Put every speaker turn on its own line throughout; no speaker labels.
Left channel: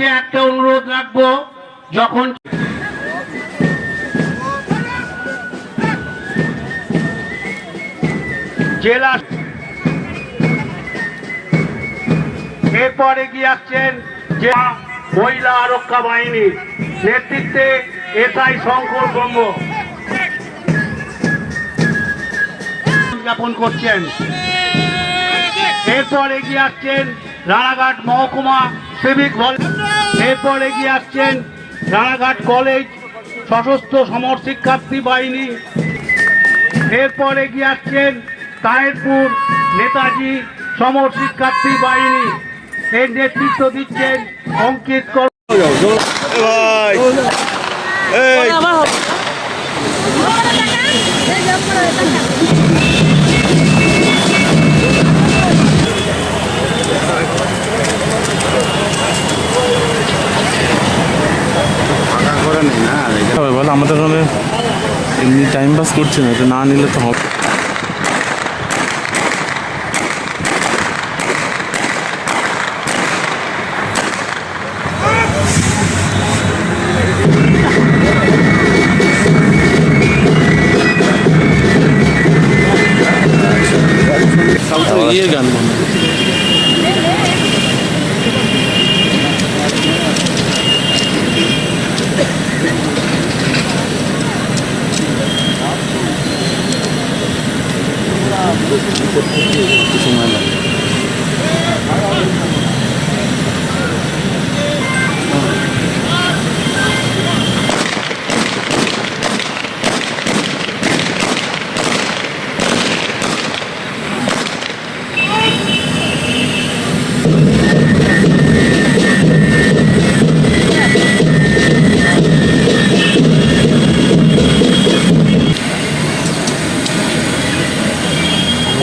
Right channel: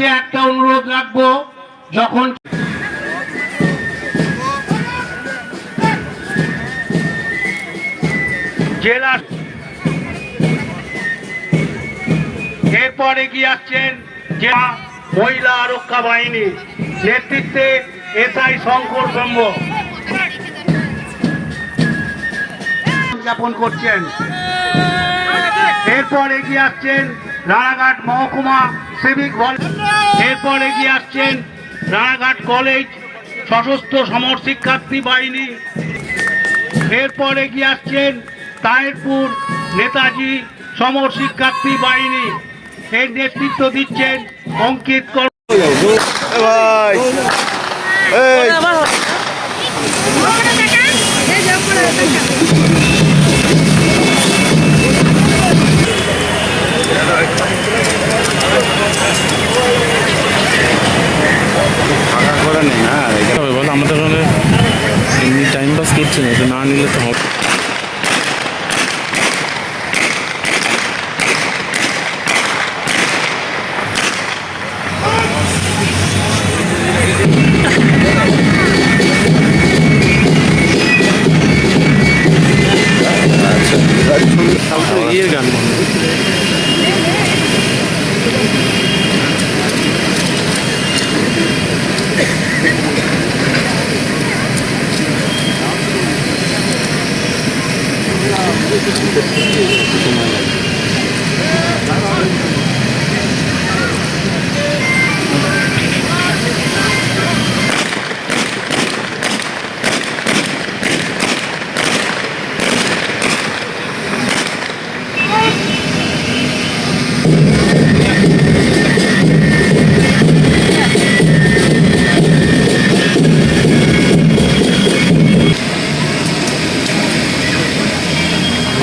কাছে একটা অনুরোধ রাখব, যখন জেলা এরপর এগিয়ে আসছেন? জেলা মহিলা আরক্ষা বাহিনীর নেতৃত্বে এসআই শঙ্কর ব্রহ্ম। উদযাপন করছেন। এরপর এগিয়ে আসছেন? রানাঘাট মহকুমা সিভিক এরপর এগিয়ে আসছেন রানাঘাট কলেজ সশস্ত্র সমর শিক্ষার্থী বাহিনী। এরপর এগিয়ে আসছেন তাহেরপুর নেতাজি সমর শিক্ষার্থী বাহিনী। এর নেতৃত্ব দিচ্ছেন অঙ্কিত
ఈ టైంలో స్కిట్స్ అయితే నా నీళ్ళతో హ్యాపీ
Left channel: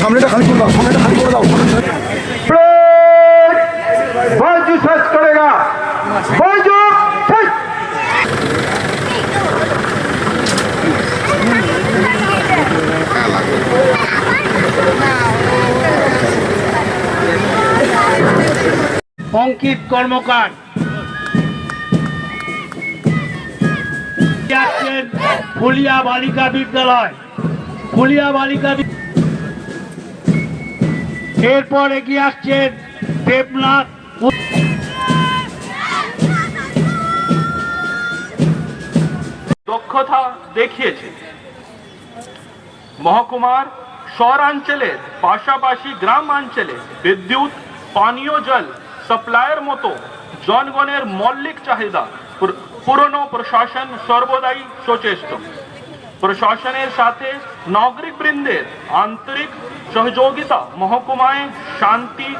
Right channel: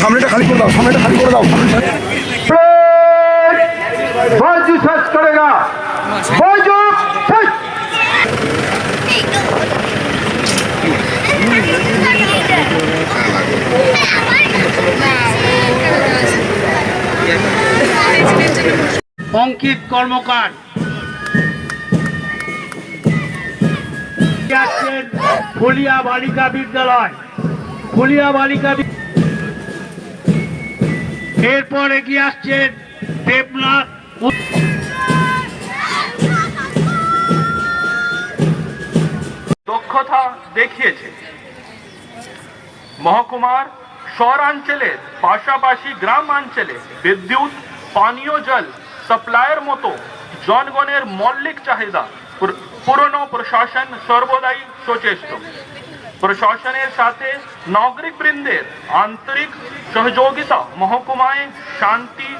সামনেটা খালি দাও সামনেটা খালি দাও।
অঙ্কিত কর্মকার। বলিয়া বালিকা বিদ্যালয়। বলিয়া বালিকা এরপর এগিয়ে আসছেন দেবনাথ
দক্ষতা দেখিয়েছে। মহকুমার শহরাঞ্চলের পাশাপাশি গ্রামাঞ্চলে বিদ্যুৎ, পানীয় জল সাপ্লাইয়ের মতো জনগণের মৌলিক চাহিদা পুর- পুরনো প্রশাসন সর্বদাই সচেষ্ট। প্রশাসনের সাথে নাগরিক বৃন্দের আন্তরিক সহযোগিতা, মহকুমায় শান্তি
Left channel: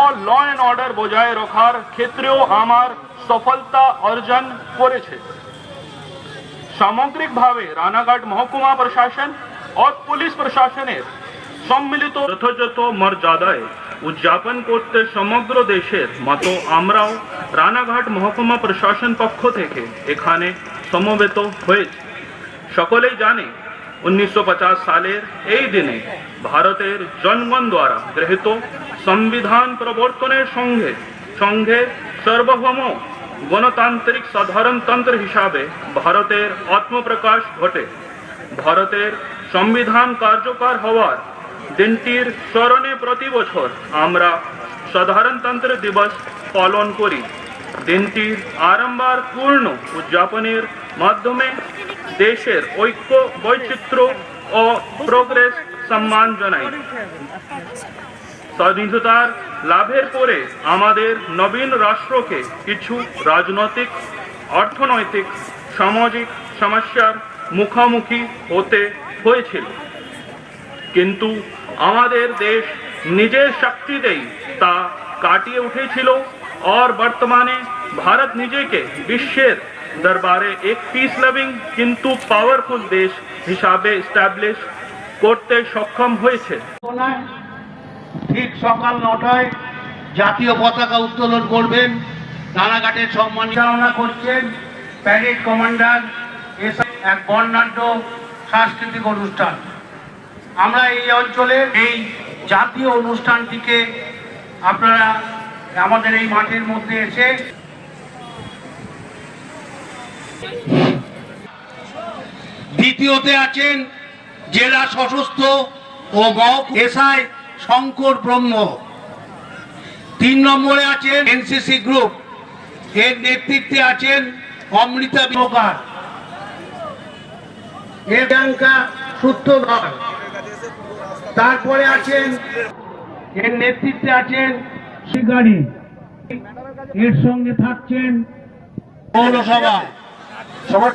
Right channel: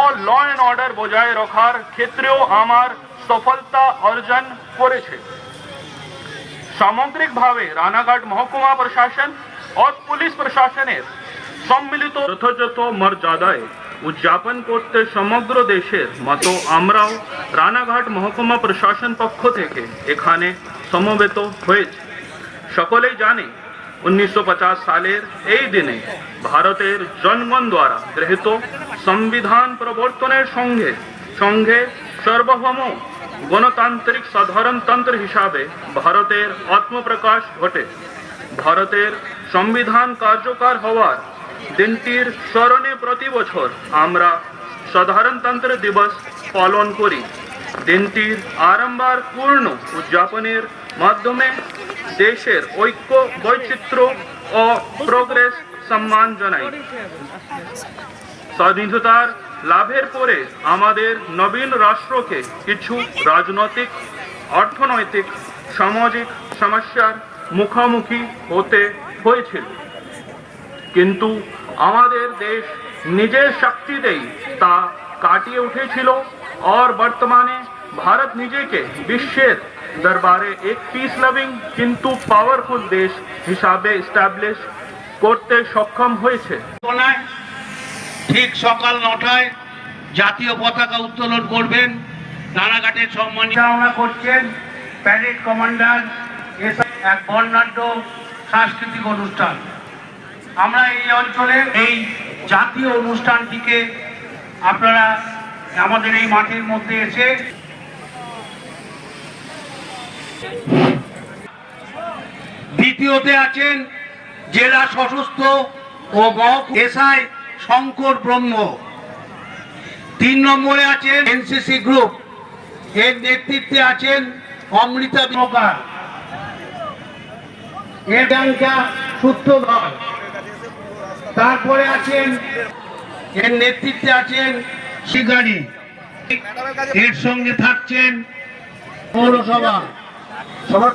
ও ল অ্যান্ড অর্ডার বজায় রাখার ক্ষেত্রেও আমার সফলতা অর্জন করেছে। সামগ্রিকভাবে রানাঘাট মহকুমা প্রশাসন ও পুলিশ প্রশাসনের সম্মিলিত যথাযথ মর্যাদায় উদযাপন করতে সমগ্র দেশের মতো আমরাও রানাঘাট মহকুমা প্রশাসন পক্ষ থেকে এখানে সমবেত হয়েছে। সকলেই জানে, উনিশশো সালের এই দিনে ভারতের জনগণ দ্বারা গৃহীত সংবিধান প্রবর্তনের সঙ্গে সঙ্গে সার্বভৌম গণতান্ত্রিক সাধারণতন্ত্র হিসাবে ভারতের আত্মপ্রকাশ ঘটে। ভারতের সংবিধান কার্যকর হওয়ার দিনটির স্মরণে প্রতি বছর আমরা সাধারণতন্ত্র দিবস পালন করি। দিনটির আরম্বার পূর্ণ উদযাপনের মাধ্যমে দেশের ঐক্য, বৈচিত্র্য ও প্রোগ্রেস সম্মান জানাই। স্বাধীনতার লাভের পরে আমাদের নবীন রাষ্ট্রকে কিছু রাজনৈতিক, অর্থনৈতিক, সামাজিক সমস্যার মুখোমুখি হতে হয়েছিল। কিন্তু আমাদের দেশ নিজের শক্তিতেই তা কাটিয়ে উঠেছিল। और বর্তমানে ভারত নিজেকে বিশ্বের দরবারে এক পিস লাভিং কিন্তু পাওয়ারফুল দেশ হিসাবে এস্টাবলিশ করতে সক্ষম হয়েছে।
ঠিক সকাল নটায় জাতীয় পতাকা উত্তোলন করবেন। রানাঘাটের সম্মান চালনা করছেন প্যারেড কমান্ডার এসব এক বর্ণাঢ্য সাংস্কৃতিক অনুষ্ঠান। আমরা এই অঞ্চলে এই জাতীয় অনুষ্ঠানটিকে আপনারা আমাদের এই মাঠের মধ্যে এসে দ্বিতীয়তে আছেন জেলা সশস্ত্র ও এসআই শঙ্কর ব্রহ্ম। তিন নম্বরে আছেন এনসিসি গ্রুপ। এর নেতৃত্বে আছেন অমৃতা বিমকার এর ব্যাংকা সূত্রধর। তারপরে আছেন, এর নেতৃত্বে আছেন শিকারী। এর সঙ্গে থাকছেন পৌরসভা। সবার